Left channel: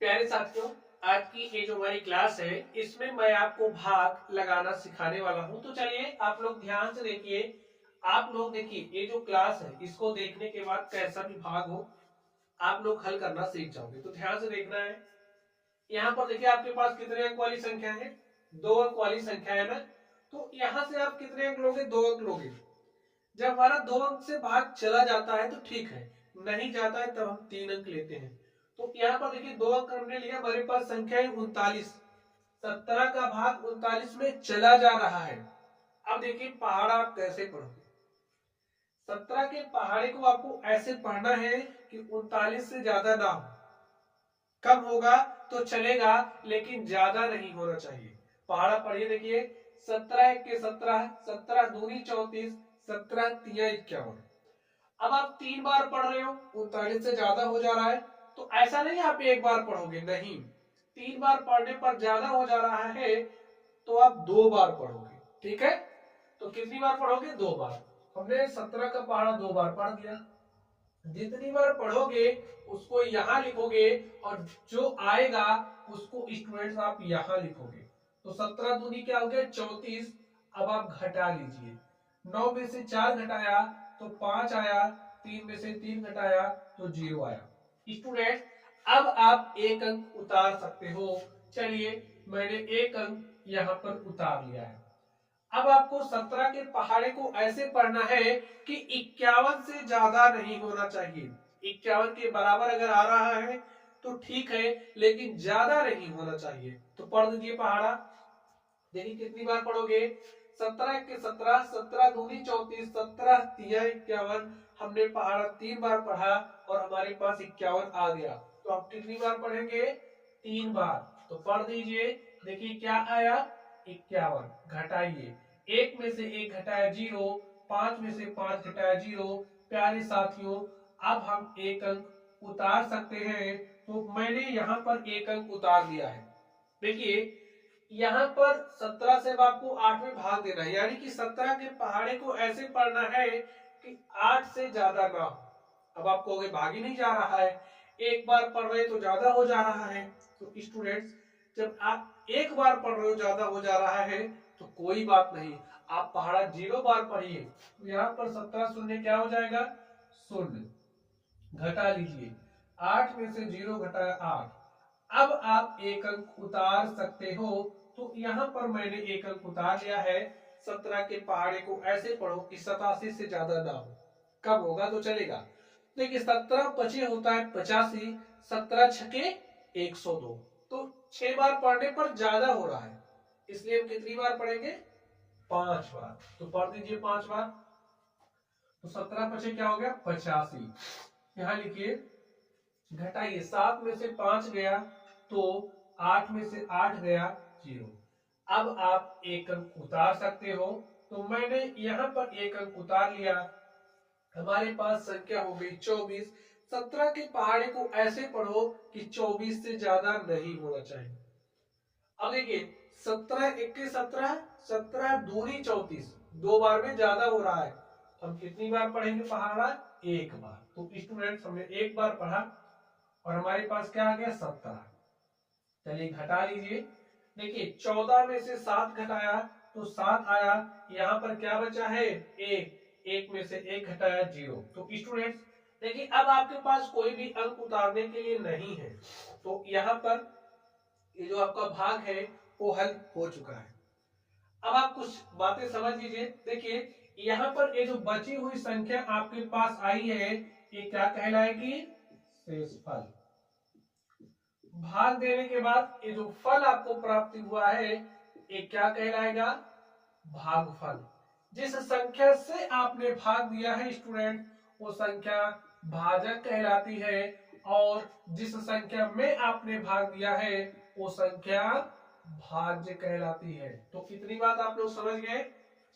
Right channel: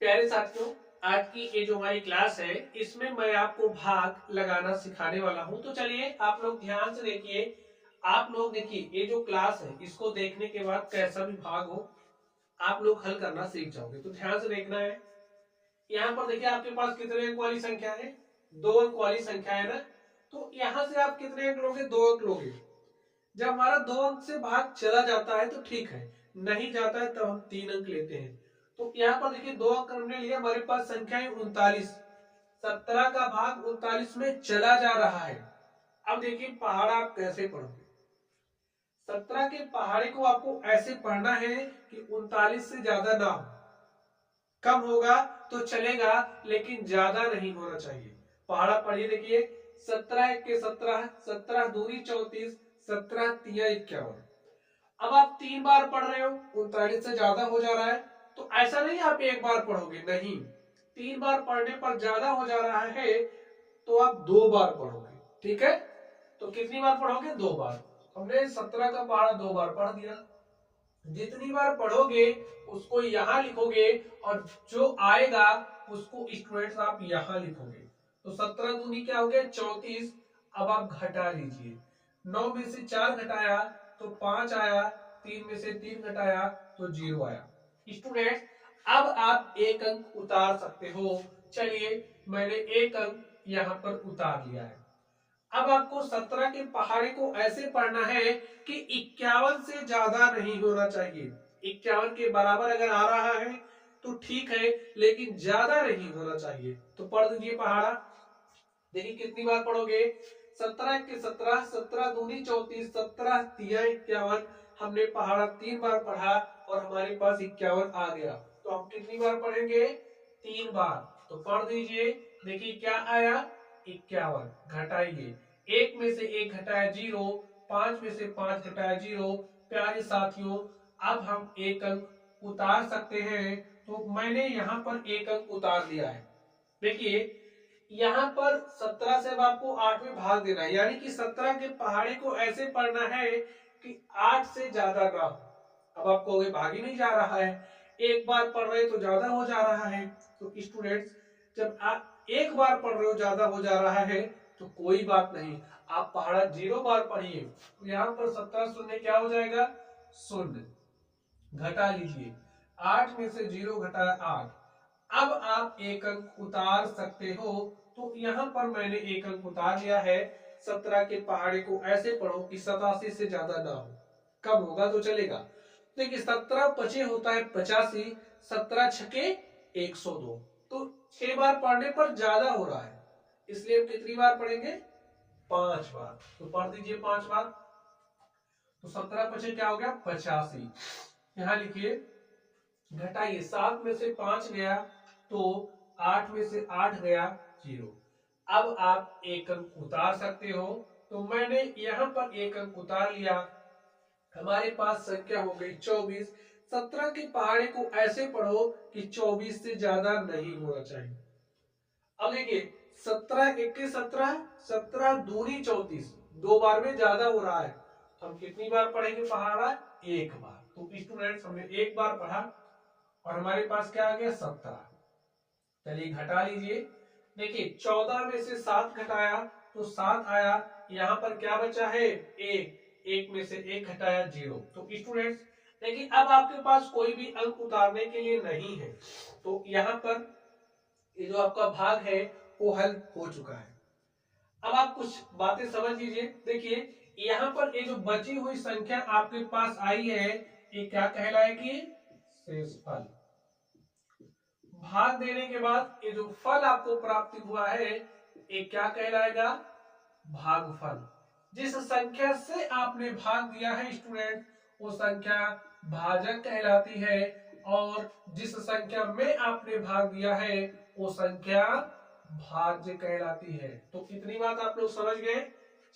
प्यारे साथियों, आज की ये जो हमारी क्लास है इसमें मैं आपको भाग लगाना सिखाने वाला हूं। तो चलिए आप लोग ध्यान से देखिए। आप लोग देखिए ये जो क्लास है इसको देखने के बाद कैसा भी भाग हो आप लोग हल करना सीख जाओगे। तो ध्यान से देखना है। यहाँ पर देखिए आपके पास कितने अंक वाली संख्या है, 2 अंक वाली संख्या है ना। तो यहाँ से आप कितने अंक लोगे, 2 अंक लोगे। जब हमारा 2 अंक से भाग चला जाता है तो ठीक है, नहीं जाता है तब हम 3 अंक लेते हैं। तो यहाँ पर देखिए 2 अंक हमने लिया, हमारे पास संख्या है 39। 17 का भाग 39 में चला जा रहा है। अब देखिए पहाड़ा आप कैसे पढ़ोगे। 17 के पहाड़े को आपको ऐसे पढ़ना है कि 39 से ज्यादा ना हो। कम होगा तो चलेगा लेकिन ज्यादा नहीं होना चाहिए। पहाड़ा पढ़िए, देखिए 17 के 17, 17 दूनी 34, 17 तिया 51। अब आप 3 बार पढ़ रहे हो, 39 से ज्यादा हो जा रहा है। तो ऐसा नहीं आप एक बार पढ़ोगे, नहीं, 3 बार पढ़ने पर ज्यादा हो जा रहा है तो आप 2 बार पढ़ोगे। ठीक है, तो कितनी बार पढ़ोगे, 2 बार। हमने 17 का पहाड़ा 2 बार पढ़ दिया। जितनी बार पढ़ोगे उसको यहां लिखोगे और जो आएगा उसको स्टूडेंट्स आप यहां लिखोगे। तो 17 दूनी क्या हो गया, 34। अब आप घटा लीजिए, 9 में से 4 घटाया तो 5 आया, 3 में से 3 घटाया तो 0 आया। स्टूडेंट अब आप 1 अंक उतार सकते हो। चलिए मैंने 1 अंक यहां पर उतार लिया है। अब आपको 17 के पहाड़े को ऐसे पढ़ना है कि 51 से ज्यादा नहीं होना चाहिए। 51 के बराबर अगर आ रहा है तो ठीक है, लेकिन ज्यादा नहीं होना चाहिए। तो पढ़ दीजिए पहाड़ा। देखिए कितनी बार पढ़ोगे, 17 के 17, 17 दूनी 34, 17 तिया 51। हमने पहाड़ा 3 बार पढ़ा और हमारे पास 51 आ गया। तो हम कितनी बार पढ़ेंगे, 3 बार। तो पढ़ दीजिए, देखिए क्या आया, 51। घटाइए, 1 में से 1 घटाया 0, 5 में से 5 घटाया 0। प्यारे साथियों अब हम 1 अंक उतार सकते हैं। तो मैंने यहां पर 1 अंक उतार दिया है। देखिए यहां पर 17 से अब आपको 8 में भाग देना है, यानी कि 17 के पहाड़े को ऐसे पढ़ना है कि 8 से ज्यादा ना हो। अब आप कहोगे भाग ही नहीं जा रहा है, एक बार पढ़ रहे तो ज्यादा हो जा रहा है। तो स्टूडेंट्स जब आप एक बार पढ़ रहे हो ज्यादा हो जा रहा है तो कोई बात नहीं, आप पहाड़ा 0 बार पढ़िए। तो यहाँ पर 17 शून्य क्या हो जाएगा, शून्य। घटा लीजिए, 8 में से 0 घटाया 8। अब आप 1 अंक उतार सकते हो। तो यहां पर मैंने 1 अंक उतार लिया है। 17 के पहाड़े को ऐसे पढ़ो कि 87 से ज्यादा ना हो। कम होगा तो चलेगा। देखिए 17 पचे होता है 85, 17 छके 102। तो 6 बार पढ़ने पर ज्यादा हो रहा है, इसलिए हम कितनी बार पढ़ेंगे, 5 बार। तो पढ़ दीजिए 5 बार। तो 17 पचे क्या हो गया, 85। यहां लिखिए, घटाइए, 7 में से 5 गया तो 8 में से 8 गया 0। अब आप 1 अंक उतार सकते हो। तो मैंने यहां पर 1 अंक उतार लिया। हमारे पास संख्या हो गई 24। 17 के पहाड़े को ऐसे पढ़ो कि 24 से ज्यादा नहीं होना चाहिए। अब देखिए 17 इक्के 17, 17 दूनी 34, 2 बार में ज्यादा हो रहा है। हम कितनी बार पढ़ेंगे पहाड़ा, 1 बार। तो स्टूडेंट्स हमने 1 बार पढ़ा और हमारे पास क्या आ गया, 17। चलिए घटा लीजिए, देखिए 14 में से 7 घटाया तो 7 आया। यहां पर क्या बचा है, 1। 1 में से 1 घटाया 0। तो स्टूडेंट्स देखिए अब आपके पास कोई भी अंक उतारने के लिए नहीं है। तो यहां पर ये जो आपका भाग है वो हल हो चुका है। अब आप कुछ बातें समझ लीजिए। देखिए यहां पर ये जो बची हुई संख्या आपके पास आई है ये क्या कहलाएगी, शेषफल। भाग देने के बाद ये जो फल आपको प्राप्ति हुआ है ये क्या कहलाएगा, भागफल। जिस संख्या से आपने भाग दिया है स्टूडेंट वो संख्या भाजक कहलाती है, और जिस संख्या में आपने भाग दिया है वो संख्या भाज्य कहलाती है। तो इतनी बात आप लोग समझ गए।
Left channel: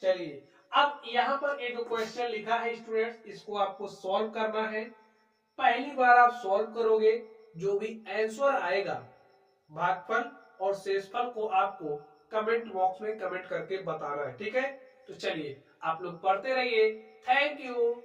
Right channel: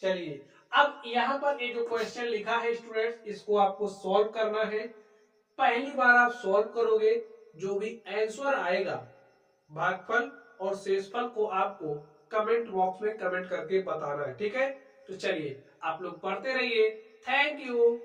चलिए अब यहां पर ये जो क्वेश्चन लिखा है स्टूडेंट्स इसको आपको सॉल्व करना है। पहली बार आप सॉल्व करोगे, जो भी आंसर आएगा भागफल और शेषफल को आपको कमेंट बॉक्स में कमेंट करके बताना है। ठीक है, तो चलिए आप लोग पढ़ते रहिए। Thank you.